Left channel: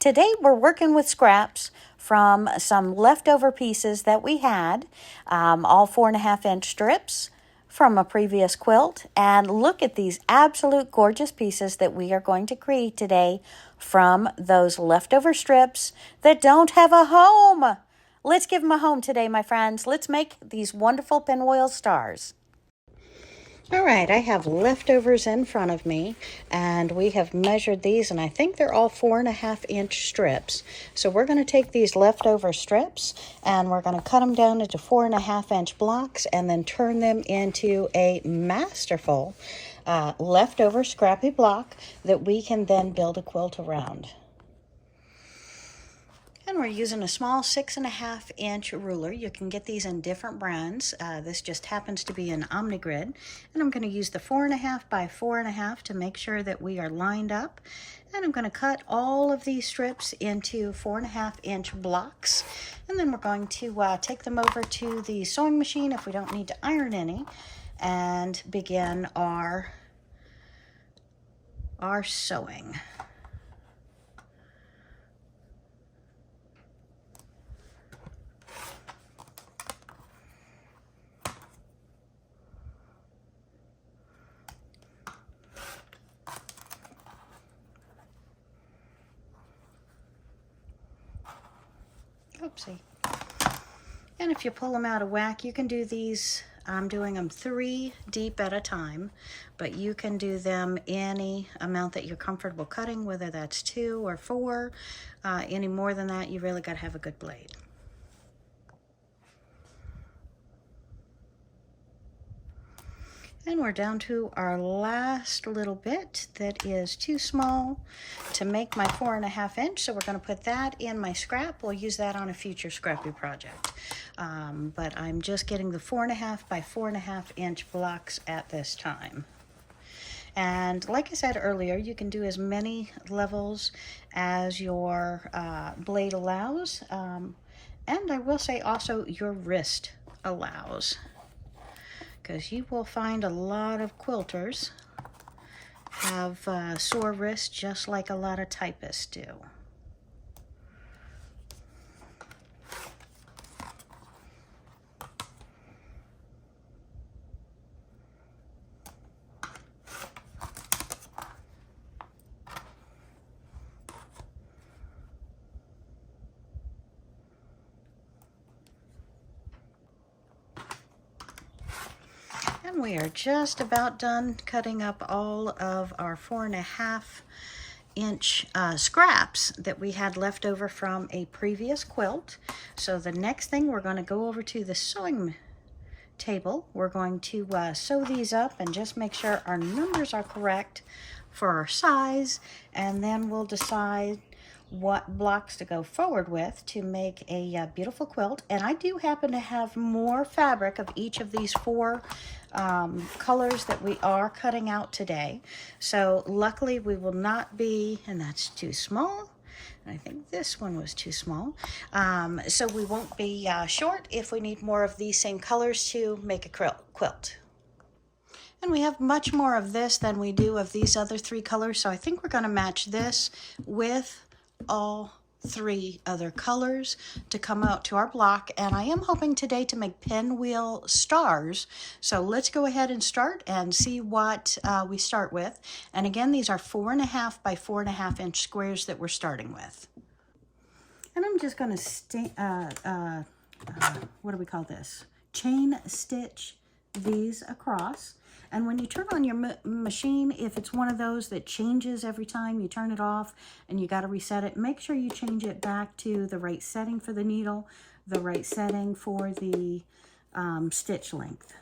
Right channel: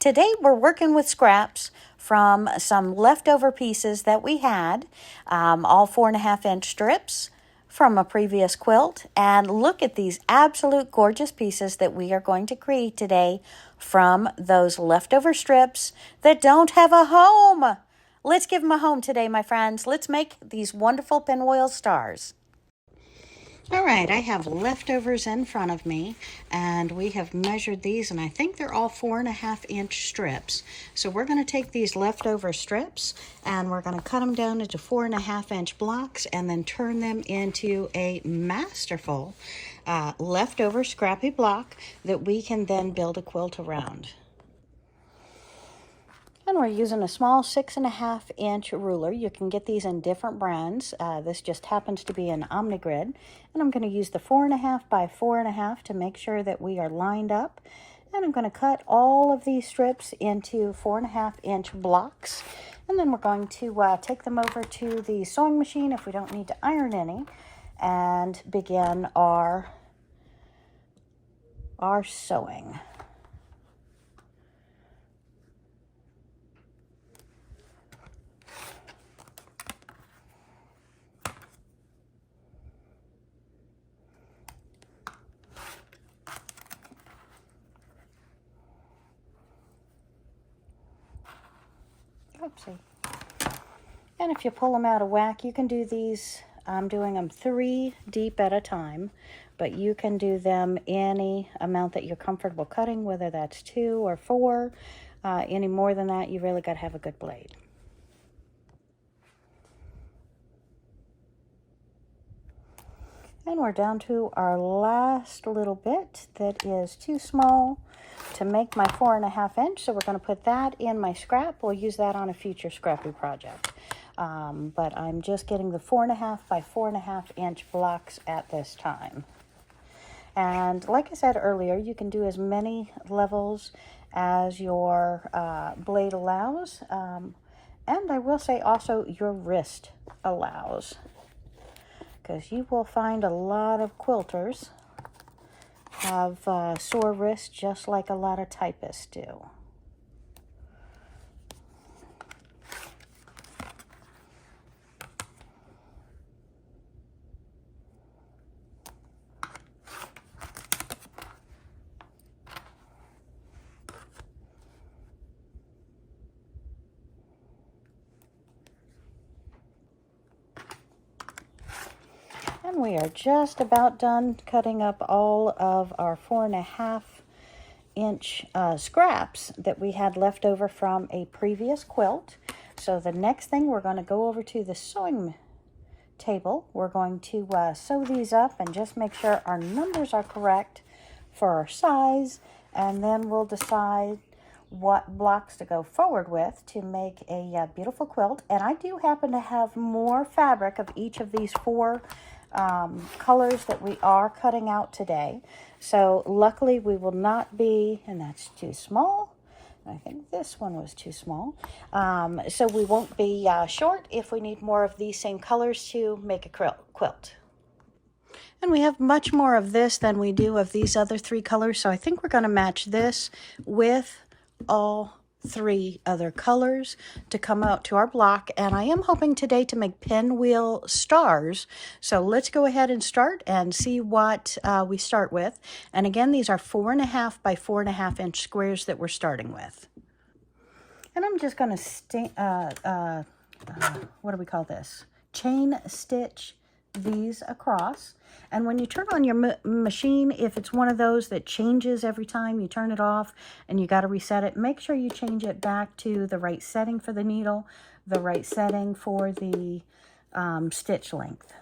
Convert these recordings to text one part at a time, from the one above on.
Today we're working with scraps from some leftover pieces that we had, all 4.5-inch strips from a previous quilt. And look at these absolute gorgeous pieces that we are going to create today from those leftover strips that don't have a home. Let's give them a home today, my friends. Let's make these wonderful pinwheel stars. All right, I have leftovers in front of me, and we have measured these, and I think they're all 4.5-inch strips. So we're going to take these leftover strips, and we're going to cut them down into 4.5-inch blocks, and then turn them into a masterful leftover scrappy block that we can then build a quilt around. And we're using a small 6.5-inch ruler. You can get these in different brands. This just happens to be an OmniGrid. And I'm going to use the 4.5 by 4.5 to make sure that we are lined up. And I'm going to cut all of these strips into 4.5-inch blocks. And then we're going to take them over to the sewing machine if we don't need to iron any, and begin our sewing. Oopsie. And if you pull them out of whack, you can do these. I'm doing them 3 deep at a time, but you can do them any amount that you're comfortable cutting, whether that's 2 or 4. Any more than that, you really got to have a good blade. And we're down to our last little bit that is too small to make my 4.5-inch. So we're going to put that in my scrap. We'll use that on a future scrappy project. But I'm just getting the 4.5 by 4.5-inch blocks at this time. And like I said earlier, you can do as many levels as your blade allows. And I will say also your wrist allows, because you will find a lot of quilters have sore wrists just like a lot of typists do. And we are just about done cutting up all of our 4.5-inch scraps that we had left over from a previous quilt. So the next thing, we're going to go over to the sewing table. We're going to sew these up and just make sure our numbers are correct for our size, and then we'll decide what blocks to go forward with to make a beautiful quilt. And I do happen to have more fabric of each of these 4 colors that we are cutting out today. So luckily we will not be, and that's too small. I think this one was too small. So we won't be short if we need more of these same colors to make a quilt. And we have much more of this than we do of these other 3 colors. So I think we're going to match this with all 3 other colors to come out to our block. And I am hoping today to make pinwheel stars. So let's go ahead and start and see what we start with. And again, these are 4.5 by 4.5-inch squares that we're starting with. And I'm just going to what do we call this? Chain stitch these across. And when you turn on your machine, if it's one of those that changes every time you turn it off and you got to reset it, make sure you change it back to the right setting for the needle, the right setting for the stitch length.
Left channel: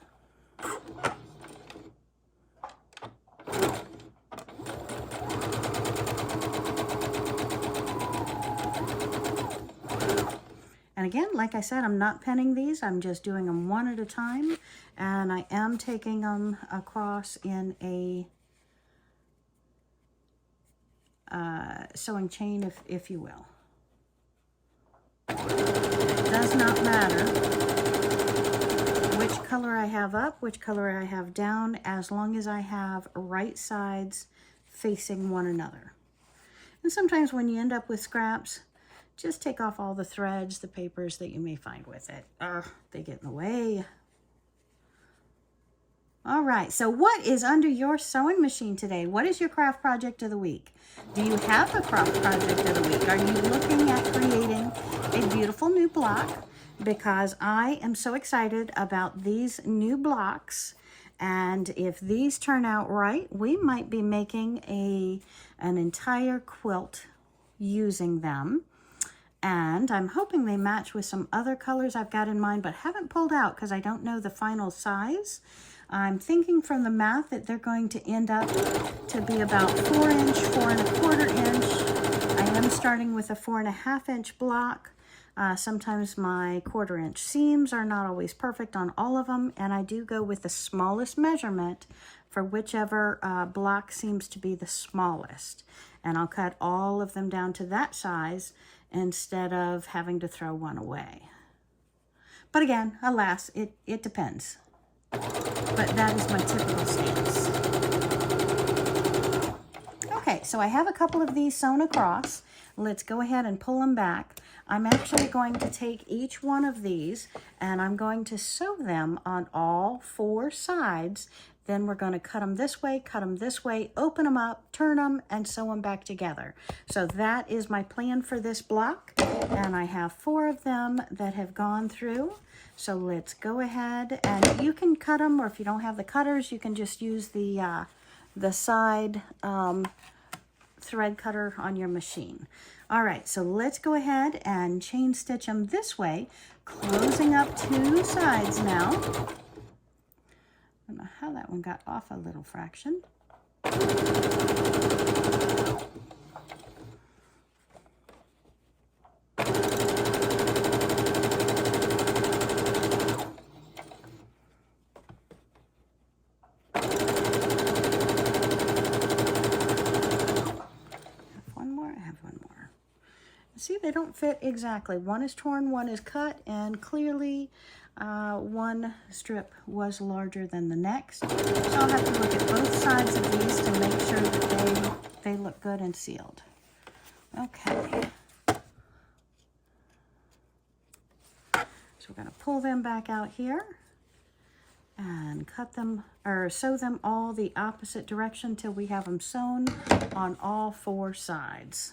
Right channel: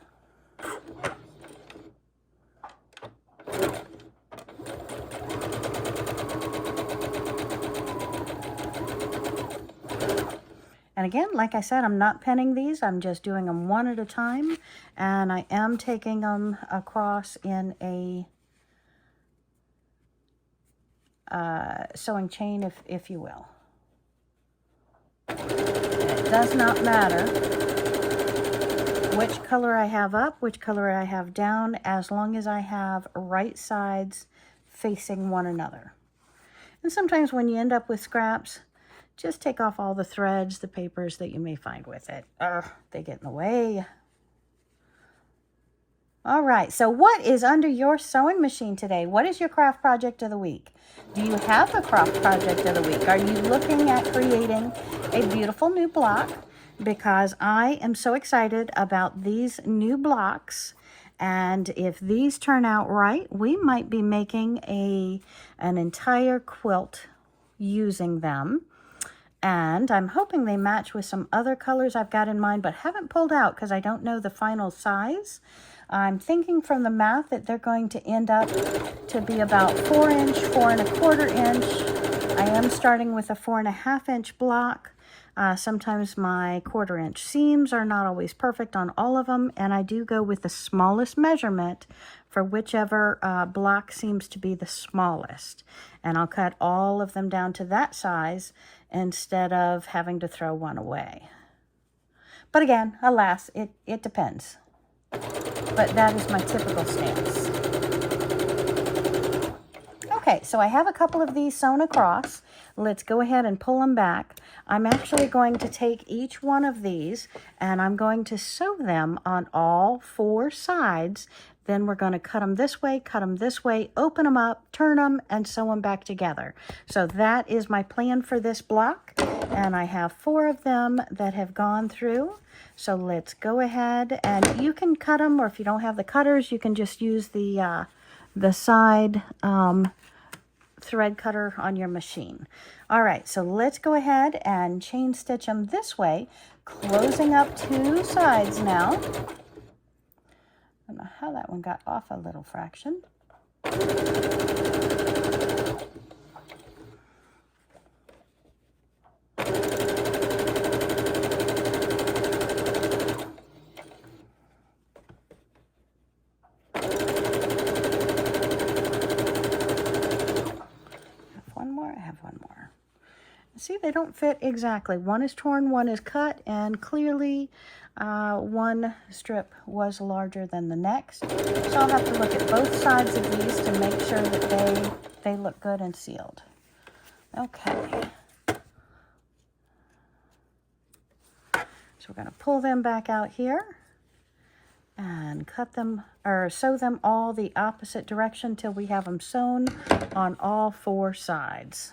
And again, like I said, I'm not pinning these. I'm just doing them one at a time. And I am taking them across in a sewing chain, if you will. It does not matter which color I have up, which color I have down, as long as I have right sides facing one another. And sometimes when you end up with scraps, just take off all the threads, the papers that you may find with it. They get in the way. All right, so what is under your sewing machine today? What is your craft project of the week? Do you have a craft project of the week? Are you looking at creating a beautiful new block? Because I am so excited about these new blocks. And if these turn out right, we might be making an entire quilt using them. And I'm hoping they match with some other colors I've got in mind, but haven't pulled out because I don't know the final size. I'm thinking from the math that they're going to end up to be about 4 inch, 4 1/4 inch. I am starting with a 4 1/2 inch block. Sometimes my 1/4 inch seams are not always perfect on all of them, and I do go with the smallest measurement for whichever block seems to be the smallest. And I'll cut all of them down to that size instead of having to throw one away. But again, alas, it depends. But that is my typical stance. Okay, so I have a couple of these sewn across. Let's go ahead and pull them back. I'm actually going to take each one of these and I'm going to sew them on all 4 sides. Then we're going to cut them this way, open them up, turn them, and sew them back together. So that is my plan for this block. And I have 4 of them that have gone through. So let's go ahead, and you can cut them, or if you don't have the cutters, you can just use the side thread cutter on your machine. All right, so let's go ahead and chain stitch them this way, closing up 2 sides now. I don't know how that one got off a little fraction. See, they don't fit exactly. One is torn, one is cut, and clearly one strip was larger than the next. So I'll have to look at both sides of these to make sure that they look good and sealed. Okay. So we're going to pull them back out here and cut them, or sew them all the opposite direction till we have them sewn on all 4 sides.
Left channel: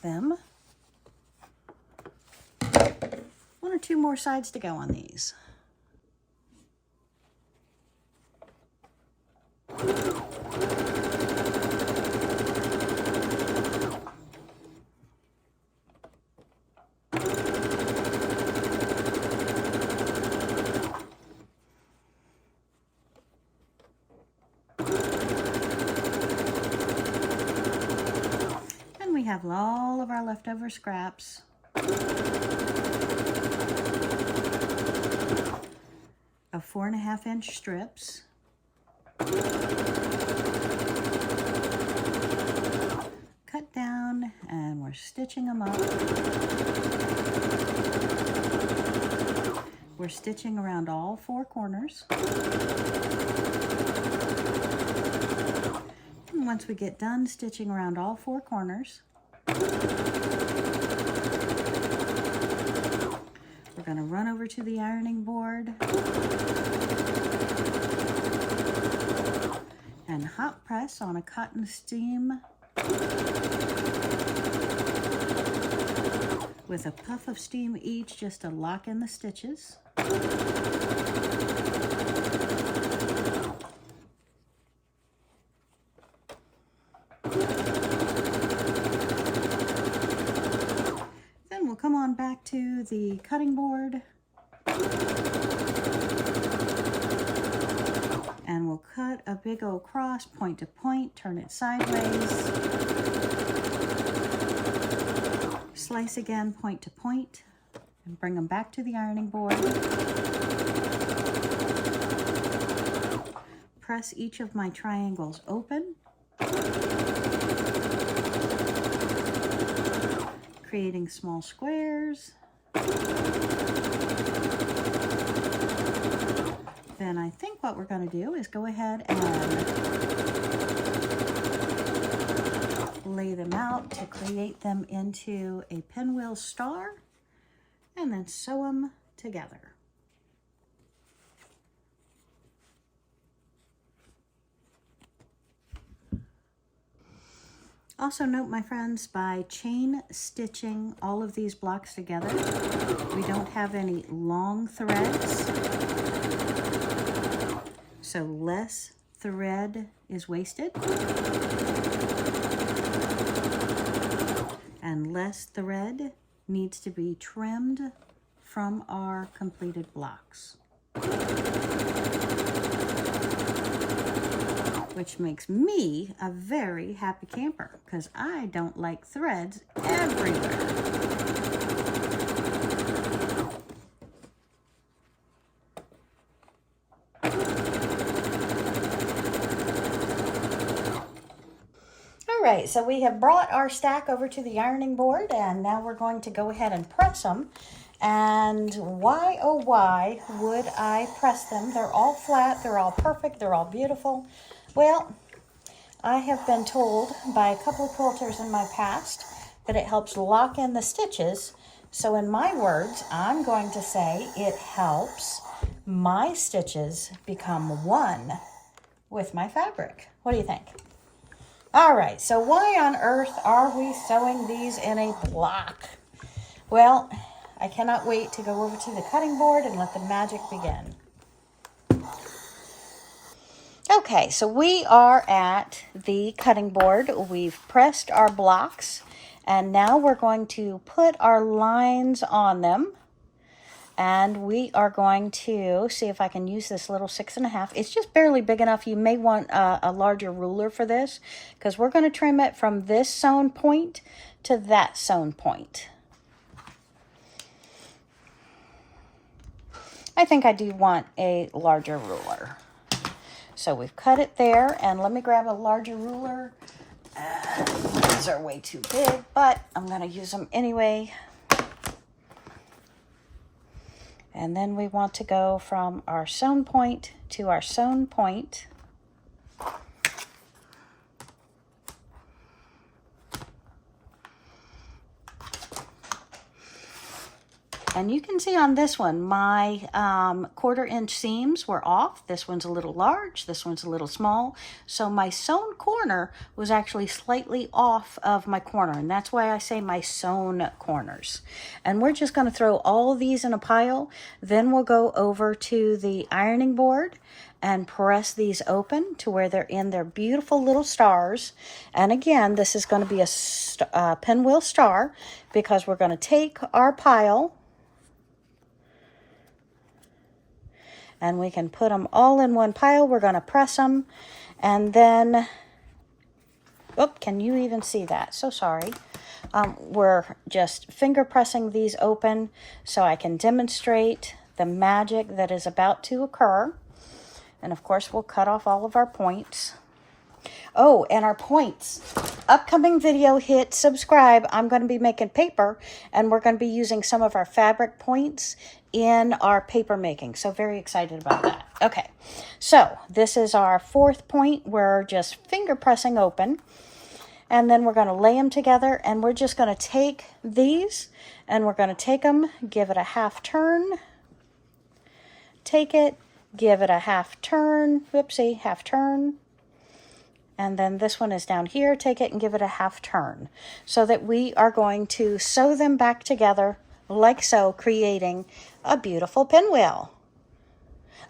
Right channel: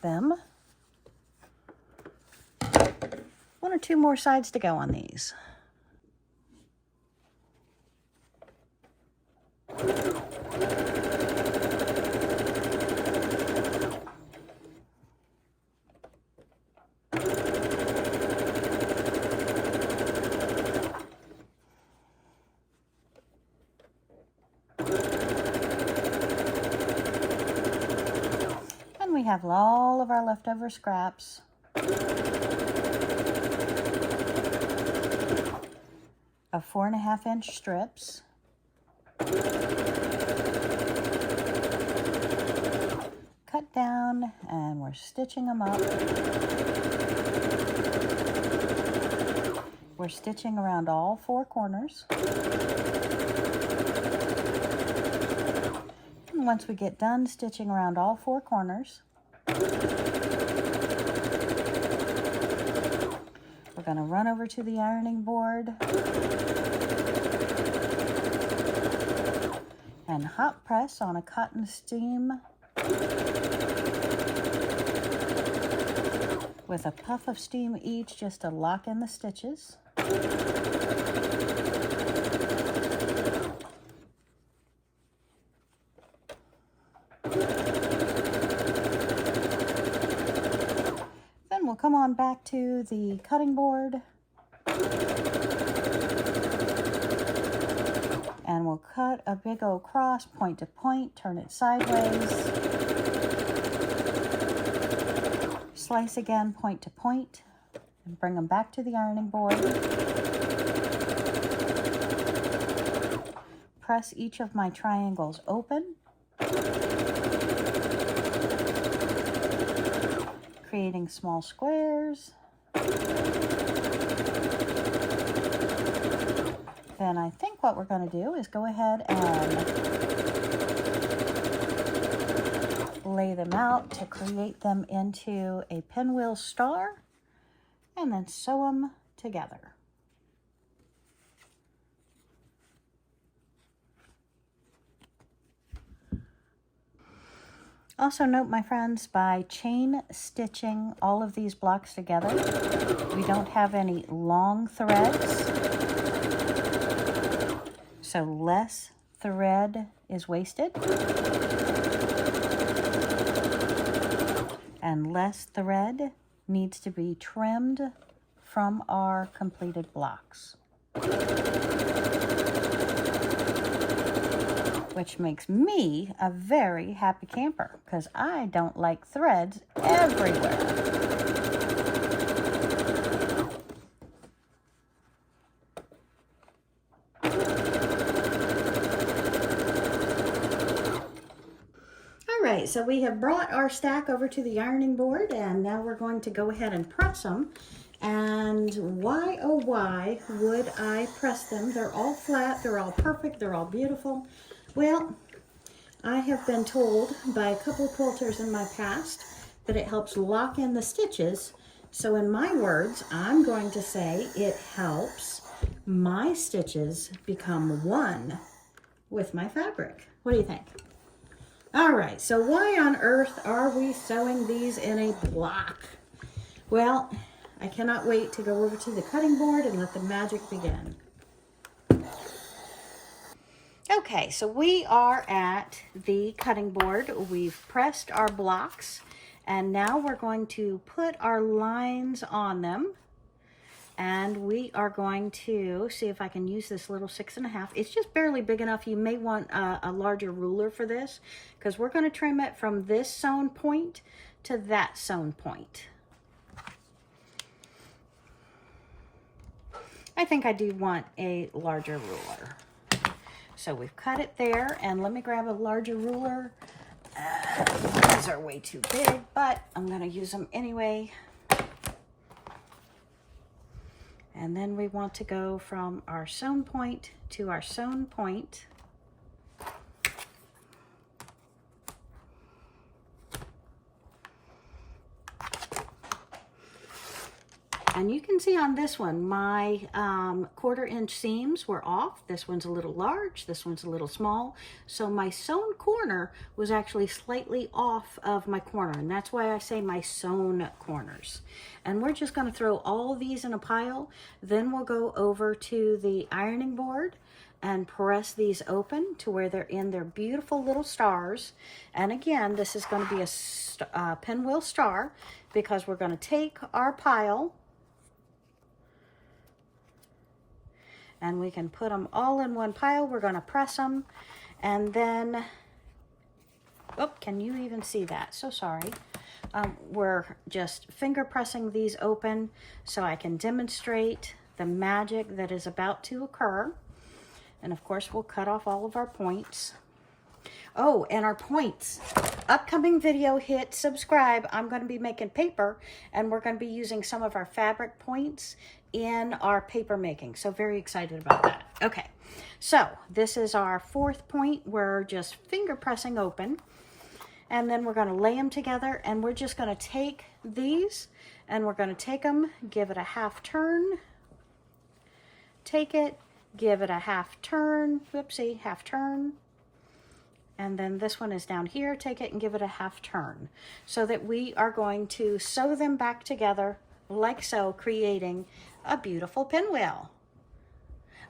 Them. 1 or 2 more sides to go on these. We have all of our leftover scraps. Of 4 1/2 inch strips. Cut down, and we're stitching them up. We're stitching around all 4 corners. And once we get done stitching around all 4 corners, we're going to run over to the ironing board and hot press on a cotton steam with a puff of steam each just to lock in the stitches. We'll come on back to the cutting board and we'll cut a big old cross point to point, turn it sideways, slice again point to point and bring them back to the ironing board. Press each of my triangles open, creating small squares. Then I think what we're going to do is go ahead and lay them out to create them into a pinwheel star, and then sew them together. Also note, my friends, by chain stitching all of these blocks together, we don't have any long threads, so less thread is wasted, and less thread needs to be trimmed from our completed blocks, which makes me a very happy camper because I don't like threads everywhere. All right, so we have brought our stack over to the ironing board, and now we're going to go ahead and press them. And why, oh why, would I press them? They're all flat, they're all perfect, they're all beautiful. Well, I have been told by a couple of quilters in my past that it helps lock in the stitches. So in my words, I'm going to say it helps my stitches become one with my fabric. What do you think? All right, so why on earth are we sewing these in a block? Well, I cannot wait to go over to the cutting board and let the magic begin. Okay, so we are at the cutting board. We've pressed our blocks, and now we're going to put our lines on them. And we are going to see if I can use this little 6.5. It's just barely big enough. You may want a larger ruler for this, because we're going to trim it from this sewn point to that sewn point. I think I do want a larger ruler. So we've cut it there, and let me grab a larger ruler. These are way too big, but I'm going to use them anyway. And then we want to go from our sewn point to our sewn point. And you can see on this one, my 1/4 inch seams were off. This one's a little large, this one's a little small. So my sewn corner was actually slightly off of my corner, and that's why I say my sewn corners. And we're just gonna throw all of these in a pile. Then we'll go over to the ironing board and press these open to where they're in their beautiful little stars. And again, this is gonna be a pinwheel star, because we're gonna take our pile and we can put them all in one pile. We're going to press them, and then, oh, can you even see that? So sorry. We're just finger pressing these open so I can demonstrate the magic that is about to occur. And of course, we'll cut off all of our points. Oh, and our points. Upcoming video, hit subscribe. I'm going to be making paper, and we're going to be using some of our fabric points in our paper making. So very excited about that. Okay, so this is our 4th point. We're just finger pressing open, and then we're going to lay them together, and we're just going to take these, and we're going to take them, give it a half turn, take it, give it a half turn, whoopsie, half turn, and then this one is down here, take it and give it a half turn, so that we are going to sew them back together like so, creating a beautiful pinwheel.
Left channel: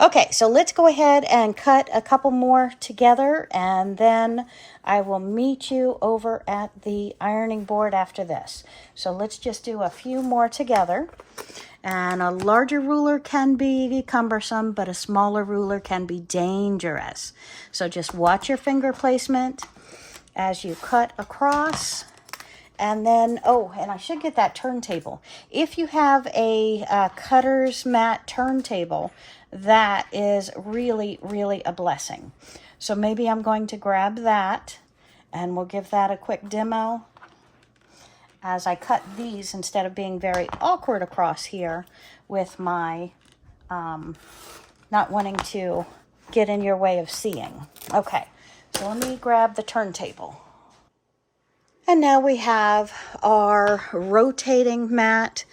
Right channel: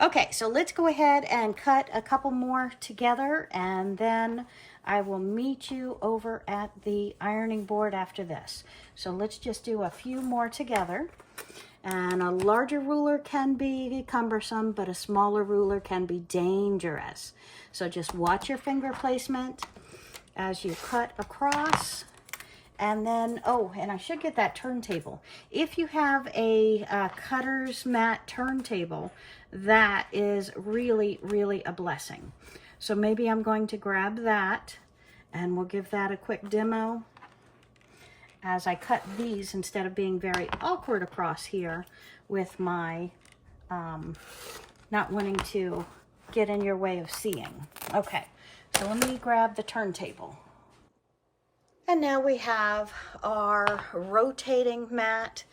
Okay, so let's go ahead and cut a couple more together, and then I will meet you over at the ironing board after this. So let's just do a few more together. And a larger ruler can be cumbersome, but a smaller ruler can be dangerous. So just watch your finger placement as you cut across, And then, oh, and I should get that turntable. If you have a cutter's mat turntable, that is really, really a blessing. So maybe I'm going to grab that, and we'll give that a quick demo as I cut these instead of being very awkward across here with my not wanting to get in your way of seeing. Okay, so let me grab the turntable. And now we have our rotating mat.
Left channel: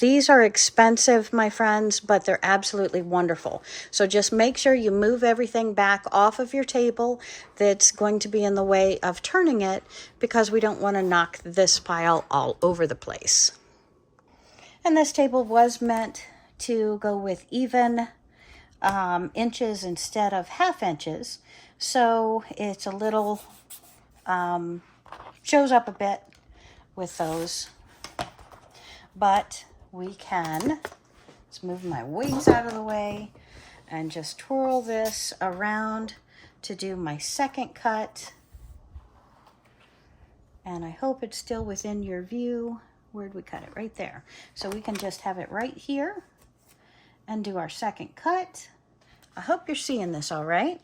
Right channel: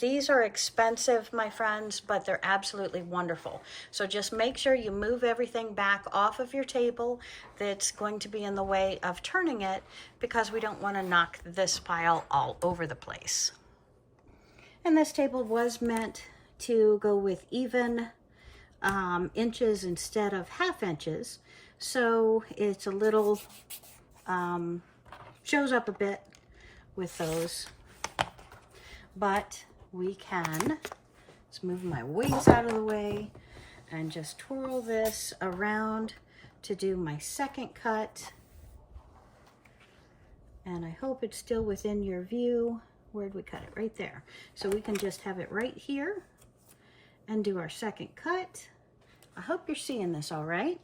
These are expensive, my friends, but they're absolutely wonderful. So just make sure you move everything back off of your table that's going to be in the way of turning it, because we don't want to knock this pile all over the place. And this table was meant to go with even inches instead of half inches. So it's a little... shows up a bit with those, but we can, let's move my wings out of the way and just twirl this around to do my second cut. And I hope it's still within your view. Where'd we cut it? Right there. So we can just have it right here and do our second cut. I hope you're seeing this all right.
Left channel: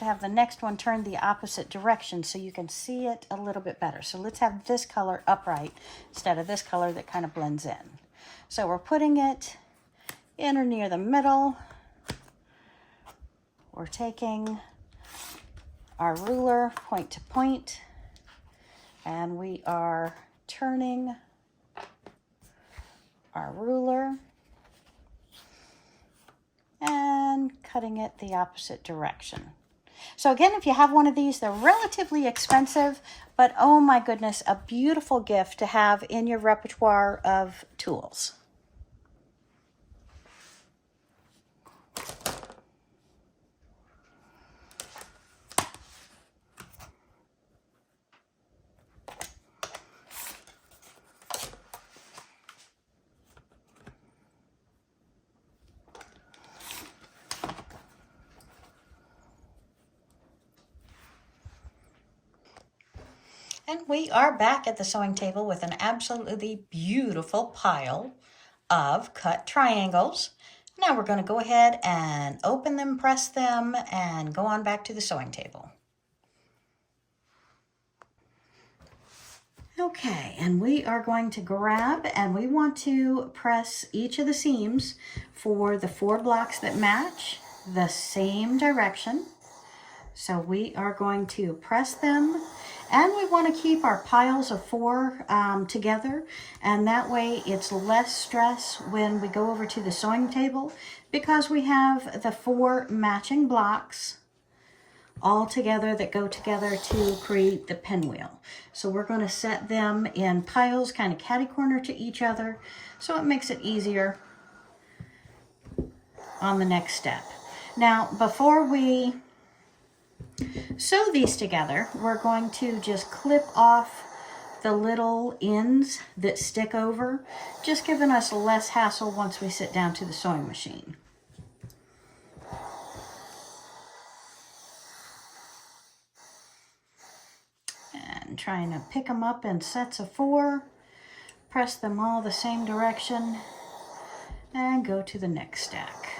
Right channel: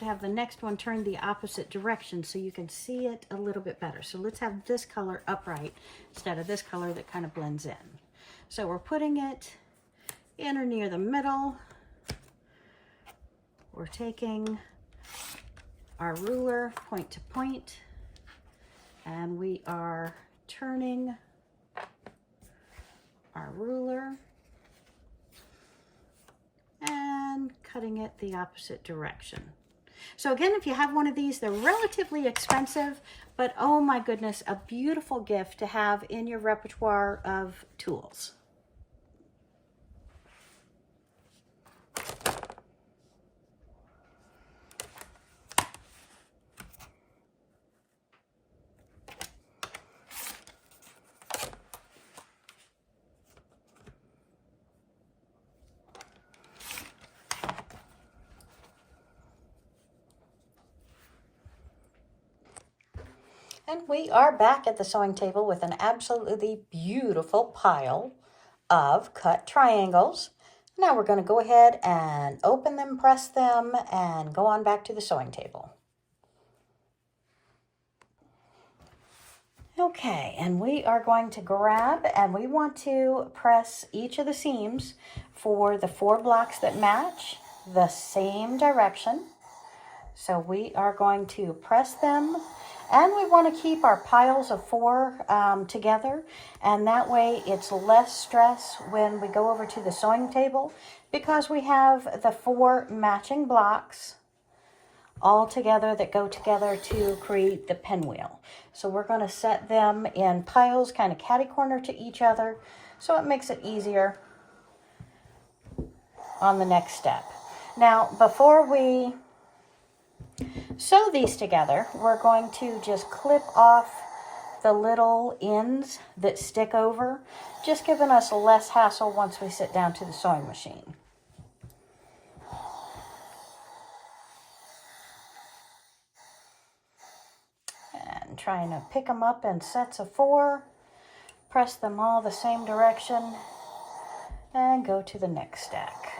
Have the next one turned the opposite direction so you can see it a little bit better. So let's have this color upright instead of this color that kind of blends in. So we're putting it in or near the middle. We're taking our ruler point to point, and we are turning our ruler and cutting it the opposite direction. So again, if you have one of these, they're relatively expensive, but oh my goodness, a beautiful gift to have in your repertoire of tools. And we are back at the sewing table with an absolutely beautiful pile of cut triangles. Now we're going to go ahead and open them, press them, and go on back to the sewing table. Okay, and we are going to grab, and we want to press each of the seams for the 4 blocks that match the same direction. So we are going to press them, and we want to keep our piles of 4 together, and that way it's less stress when we go over to the sewing table, because we have the 4 matching blocks all together that go together to create the pinwheel. So we're going to set them in piles kind of catty corner to each other, so it makes it easier on the next step. Now, before we sew these together, we're going to just clip off the little ends that stick over, just giving us less hassle once we sit down to the sewing machine. And trying to pick them up in sets of 4, press them all the same direction, and go to the next stack.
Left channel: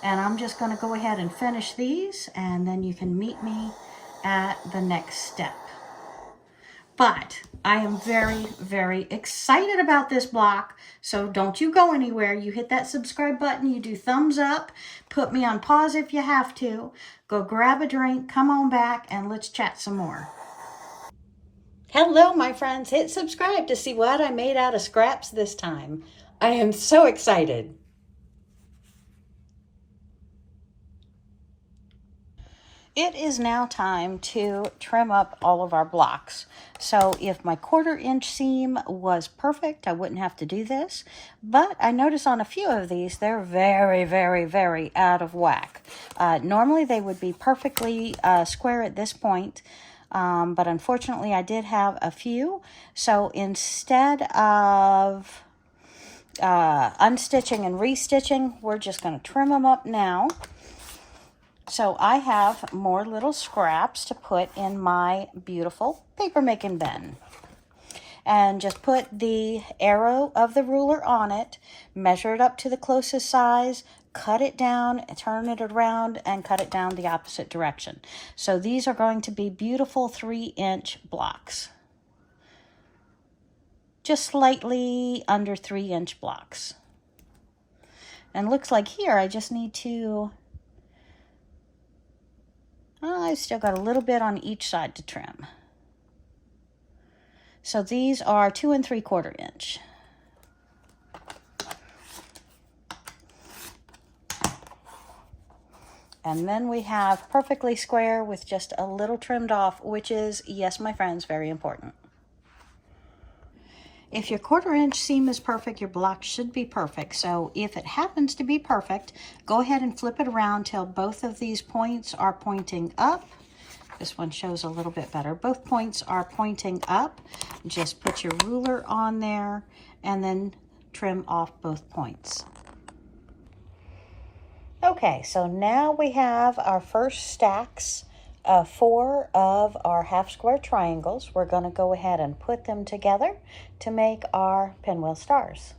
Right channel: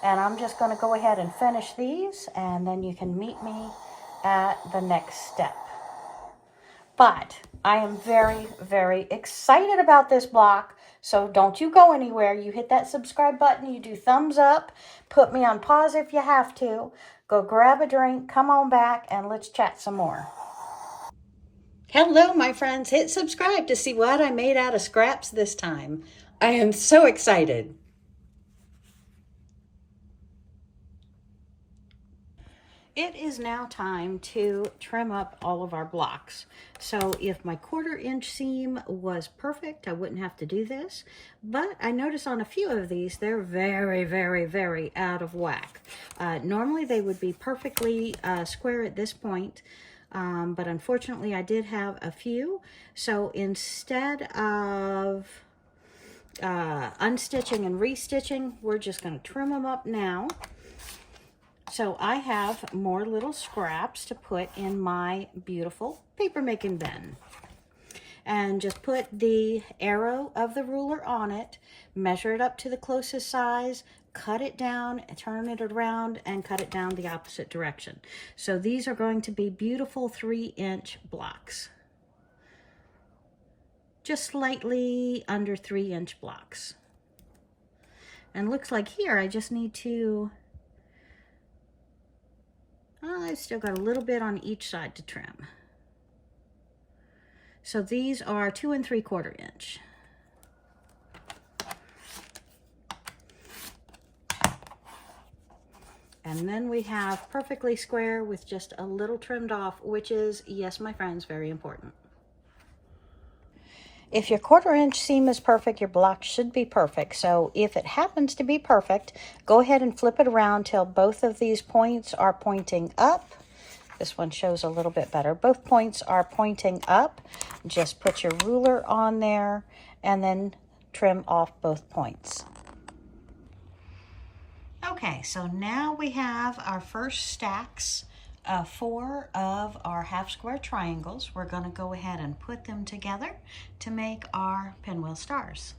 And I'm just going to go ahead and finish these, and then you can meet me at the next step. But I am very, very excited about this block, so don't you go anywhere. You hit that subscribe button, you do thumbs up, put me on pause if you have to, go grab a drink, come on back, and let's chat some more. Hello, my friends. Hit subscribe to see what I made out of scraps this time. I am so excited. It is now time to trim up all of our blocks. So if my 1/4 inch seam was perfect, I wouldn't have to do this. But I notice on a few of these, they're very, very, very out of whack. Normally they would be perfectly square at this point. But unfortunately I did have a few. So instead of unstitching and restitching, we're just going to trim them up now. So I have more little scraps to put in my beautiful paper making bin. And just put the arrow of the ruler on it, measure it up to the closest size, cut it down, turn it around, and cut it down the opposite direction. So these are going to be beautiful 3-inch blocks. Just slightly under 3-inch blocks. And looks like here I just need to, I've still got a little bit on each side to trim. So these are 2 3/4 inch. And then we have perfectly square with just a little trimmed off, which is, yes, my friends, very important. If your 1/4 inch seam is perfect, your block should be perfect. So if it happens to be perfect, go ahead and flip it around till both of these points are pointing up. This one shows a little bit better. Both points are pointing up. Just put your ruler on there and then trim off both points. Okay, so now we have our first stacks of 4 of our half square triangles. We're going to go ahead and put them together to make our pinwheel stars.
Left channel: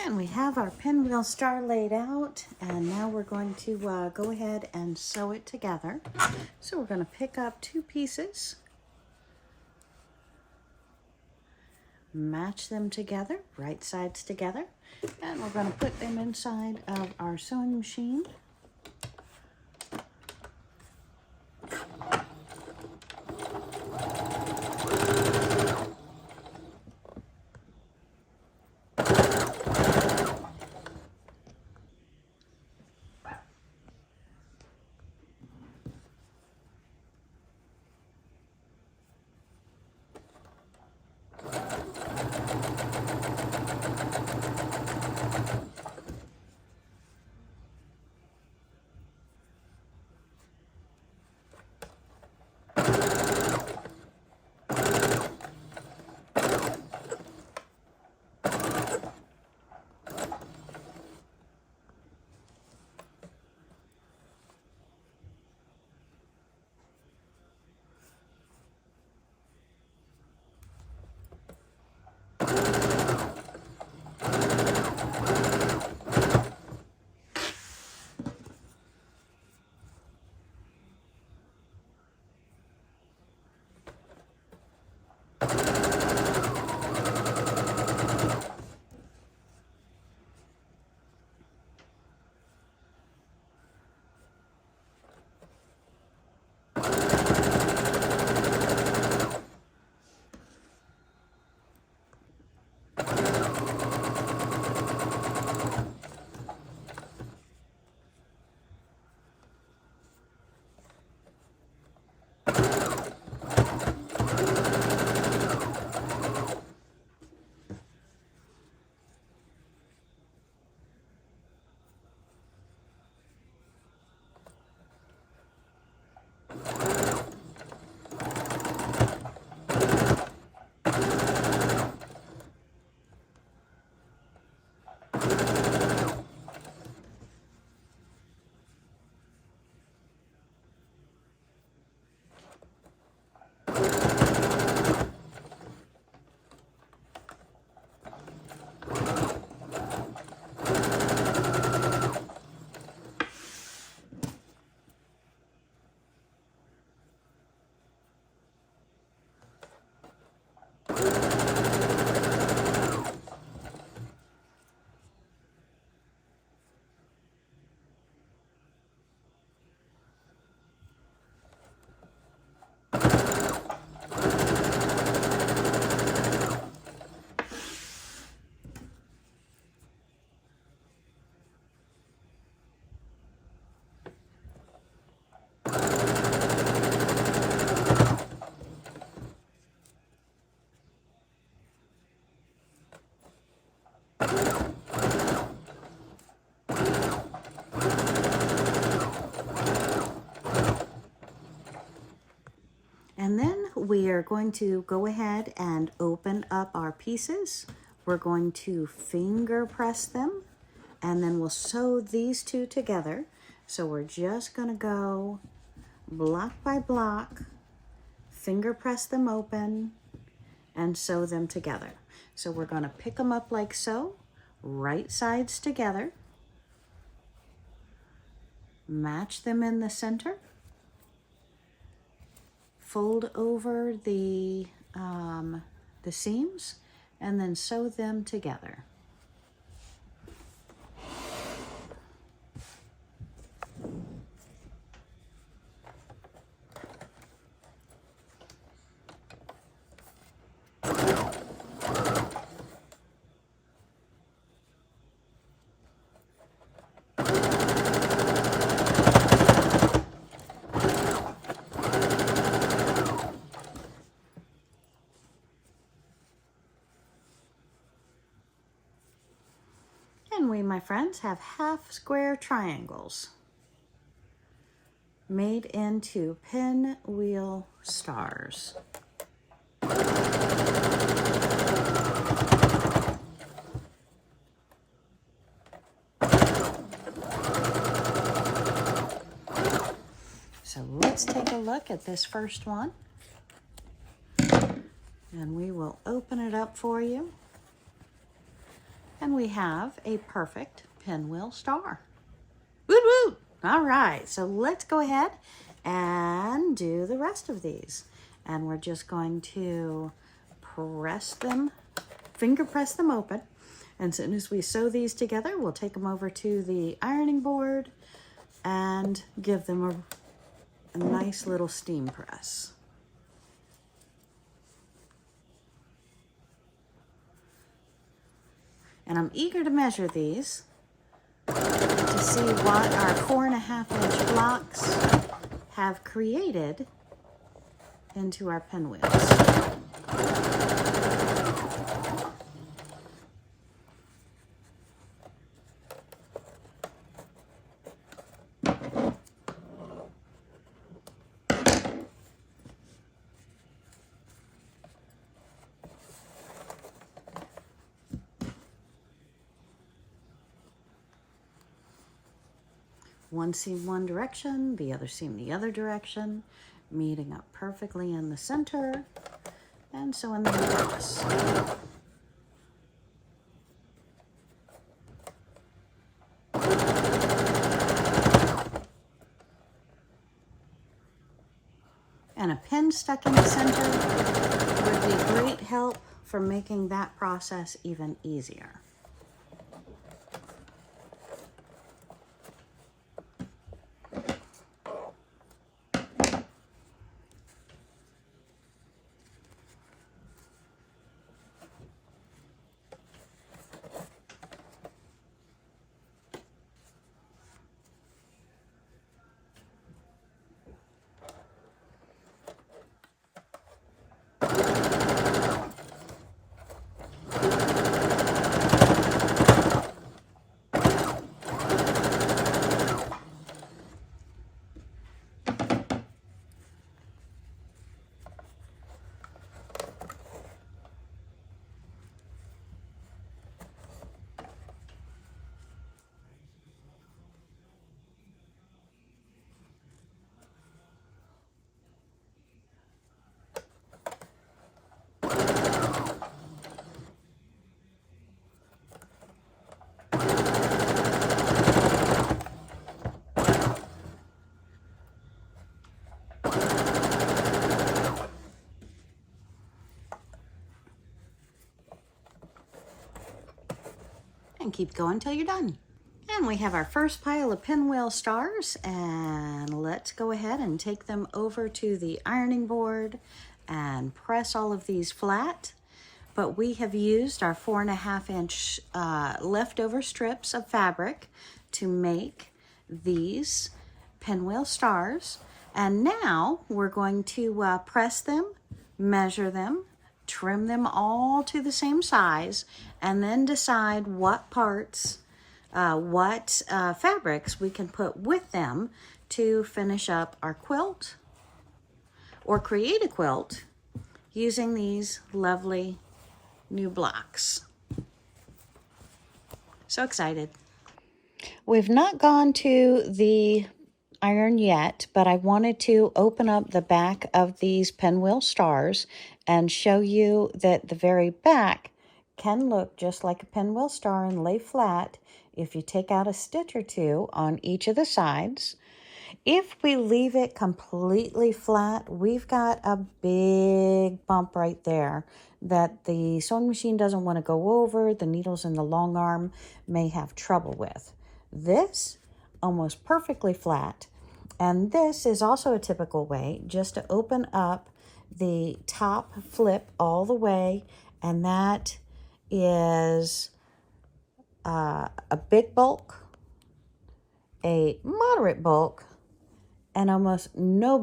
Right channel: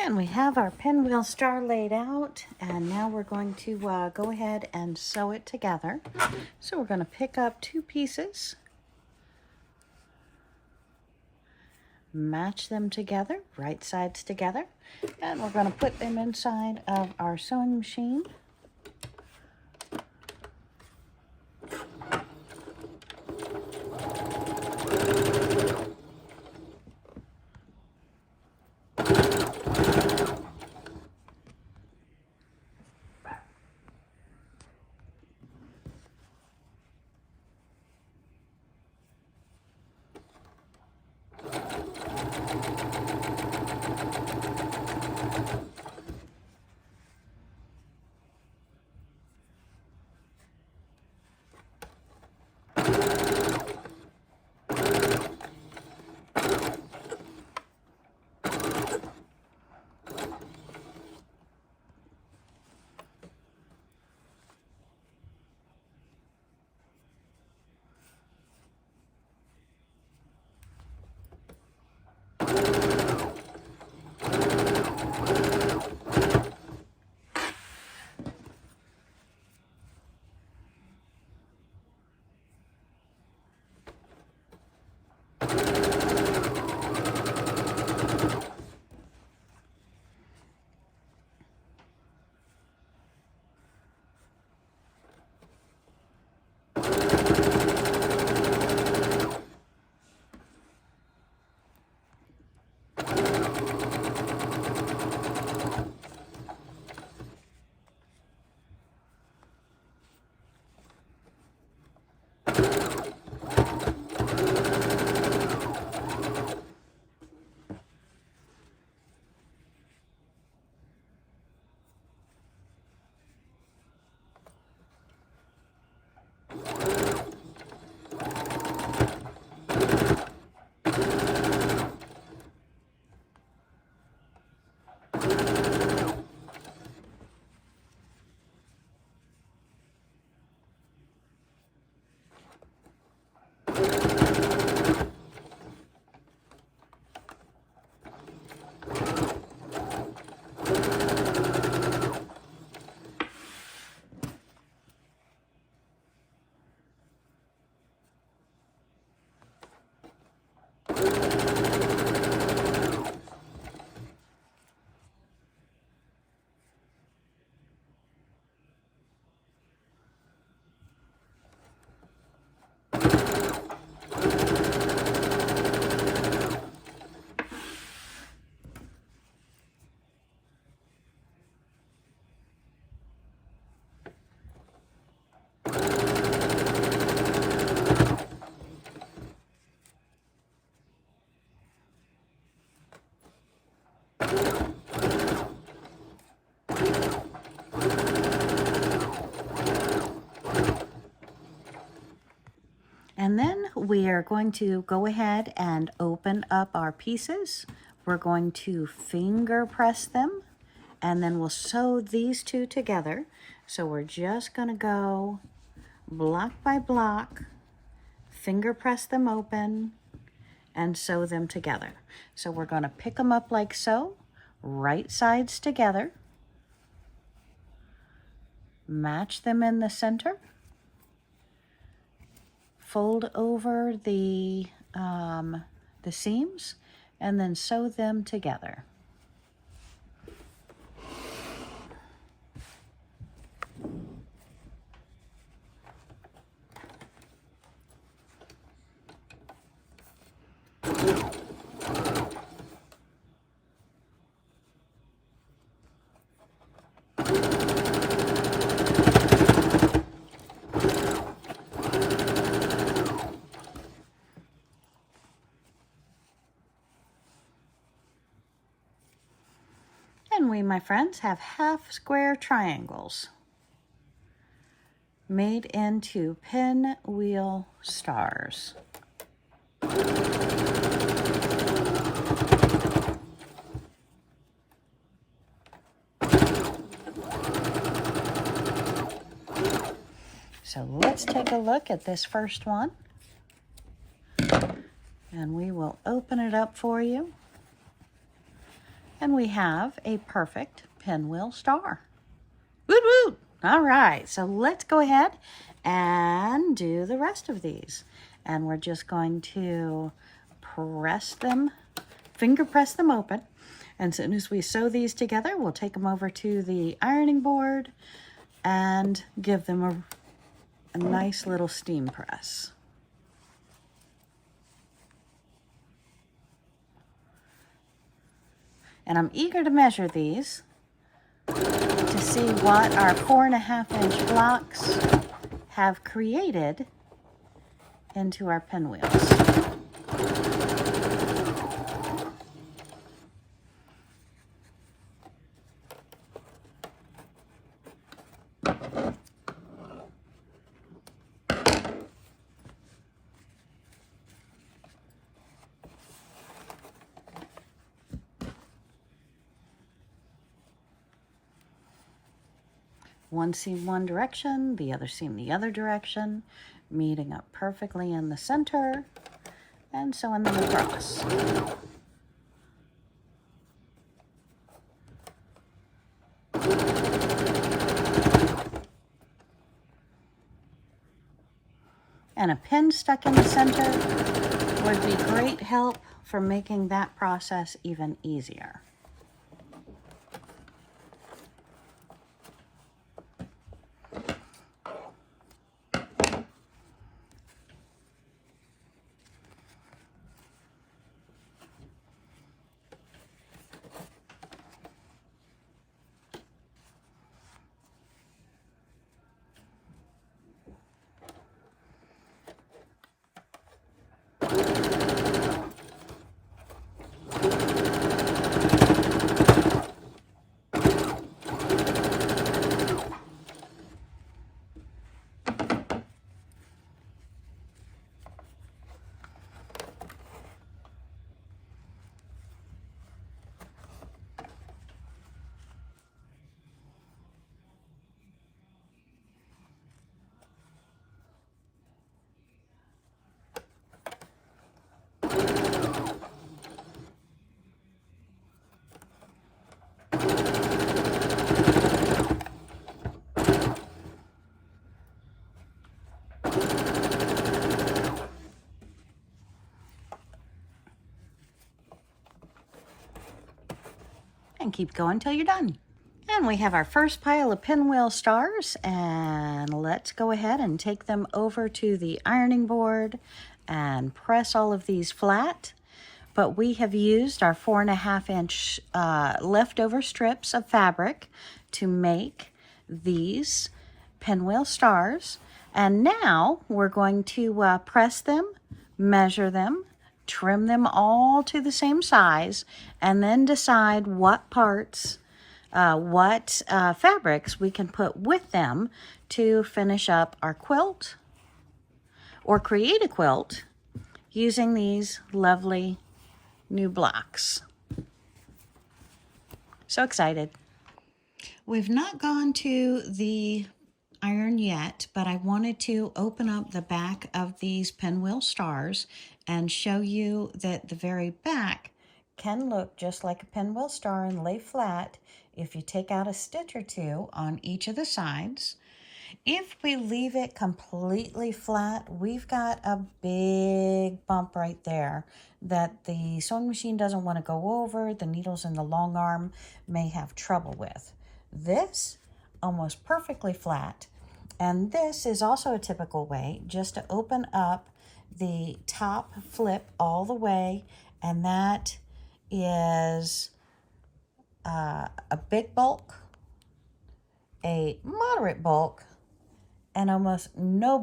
And we have our pinwheel star laid out, and now we're going to go ahead and sew it together. So we're going to pick up 2 pieces, match them together, right sides together, and we're going to put them inside of our sewing machine. And then we are going to go ahead and open up our pieces. We're going to finger press them, and then we'll sew these 2 together. So we're just gonna go block by block, finger press them open, and sew them together. So we're gonna pick them up like so, right sides together, match them in the center, fold over the seams, and then sew them together. And we, my friends, have half square triangles made into pinwheel stars. So let's take a look at this first one, and we will open it up for you. And we have a perfect pinwheel star. Woot woot! All right, so let's go ahead and do the rest of these. And we're just going to press them, finger press them open. And as soon as we sew these together, we'll take them over to the ironing board and give them a nice little steam press. And I'm eager to measure these to see what our 4.5-inch blocks have created into our pinwheels. One seam one direction, the other seam the other direction, meeting up perfectly in the center, and sewing them across. And a pin stuck in the center would be great help for making that process even easier. And keep going till you're done. And we have our first pile of pinwheel stars, and let's go ahead and take them over to the ironing board and press all of these flat. But we have used our 4.5-inch leftover strips of fabric to make these pinwheel stars. And now we're going to press them, measure them, trim them all to the same size, and then decide what parts, fabrics we can put with them to finish up our quilt or create a quilt using these lovely new blocks. So excited. We've not gone to the iron yet, but I wanted to open up the back of these pinwheel stars and show you that the very back can look just like a pinwheel star and lay flat if you take out a stitch or two on each of the sides. If we leave it completely flat, we've got a big bump right there that the sewing machine doesn't want to go over. The needles in the long arm may have trouble with. This, almost perfectly flat. And this is also a typical way just to open up the top flip all the way, and that is a big bulk, a moderate bulk, and almost no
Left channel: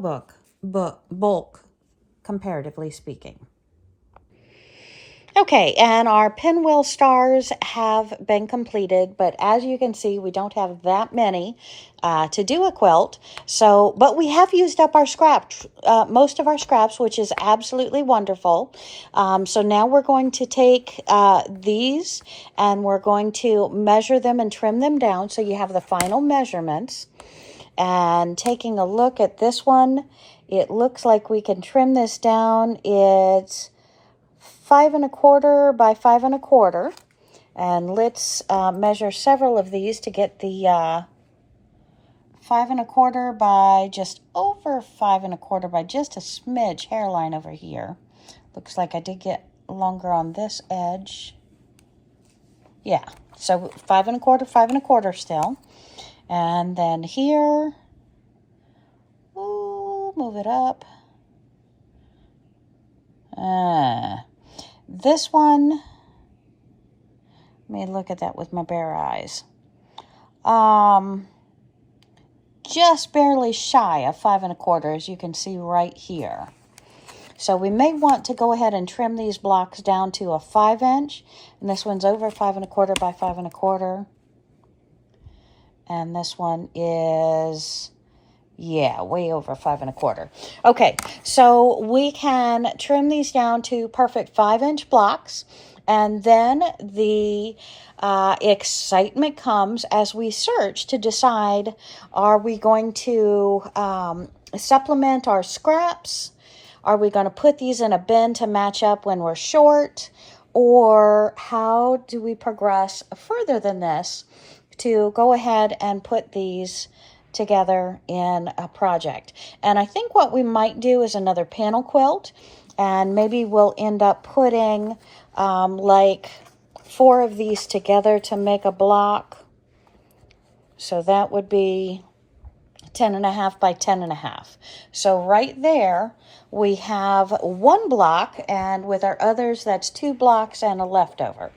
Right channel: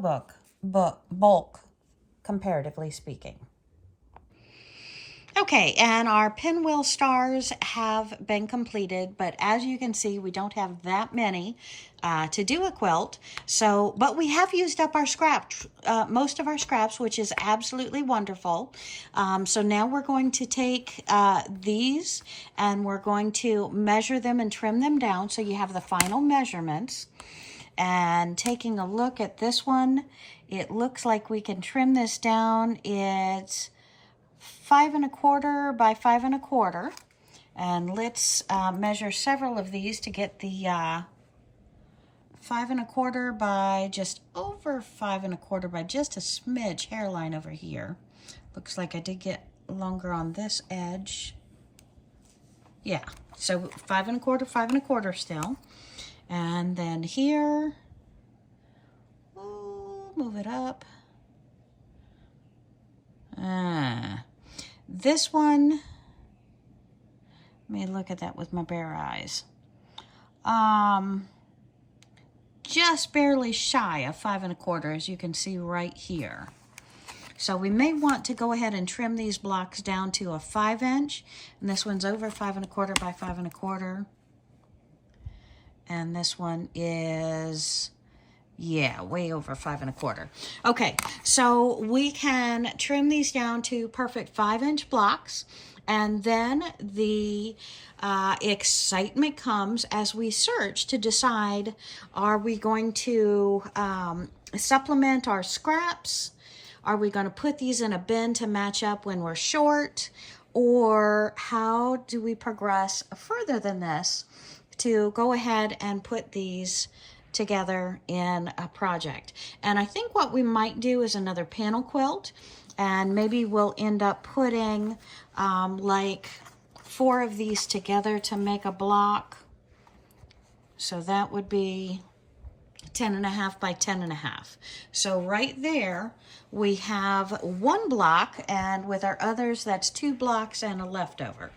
bulk, comparatively speaking. Okay, and our pinwheel stars have been completed, but as you can see, we don't have that many to do a quilt. So, but we have used up our most of our scraps, which is absolutely wonderful. So now we're going to take these and we're going to measure them and trim them down so you have the final measurements. And taking a look at this one, it looks like we can trim this down. It's 5 1/4 by 5 1/4, and let's measure several of these to get the 5 1/4 by just over 5 1/4 by just a smidge hairline over here. Looks like I did get longer on this edge. Yeah, so 5 1/4, 5 1/4 still. And then here, ooh, move it up. This one, let me look at that with my bare eyes. Just barely shy of 5 1/4, as you can see right here. So we may want to go ahead and trim these blocks down to a 5 inch. And this one's over 5 1/4 by 5 1/4. And this one is, yeah, way over 5 1/4. Okay, so we can trim these down to perfect 5 inch blocks. And then the excitement comes as we search to decide, are we going to supplement our scraps? Are we going to put these in a bin to match up when we're short? Or how do we progress further than this to go ahead and put these together in a project? And I think what we might do is another panel quilt, and maybe we'll end up putting like 4 of these together to make a block. So that would be 10 1/2 by 10 1/2. So right there we have 1 block, and with our others that's 2 blocks and a leftover.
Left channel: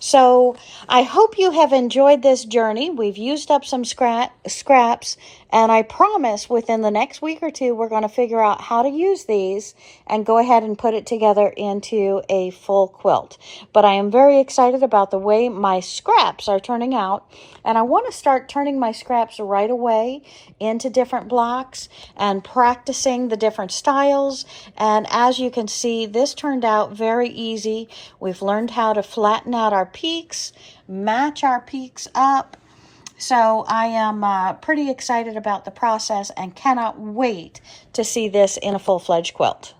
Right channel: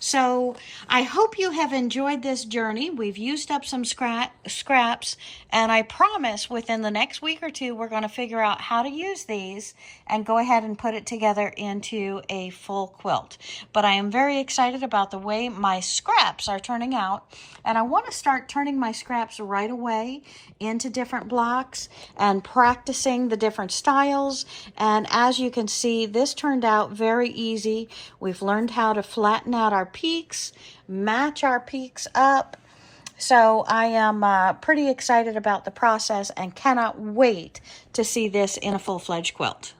So I hope you have enjoyed this journey. We've used up some scraps, and I promise within the next week or two, we're going to figure out how to use these and go ahead and put it together into a full quilt. But I am very excited about the way my scraps are turning out, and I want to start turning my scraps right away into different blocks and practicing the different styles. And as you can see, this turned out very easy. We've learned how to flatten out our peaks, match our peaks up. So I am pretty excited about the process and cannot wait to see this in a full-fledged quilt.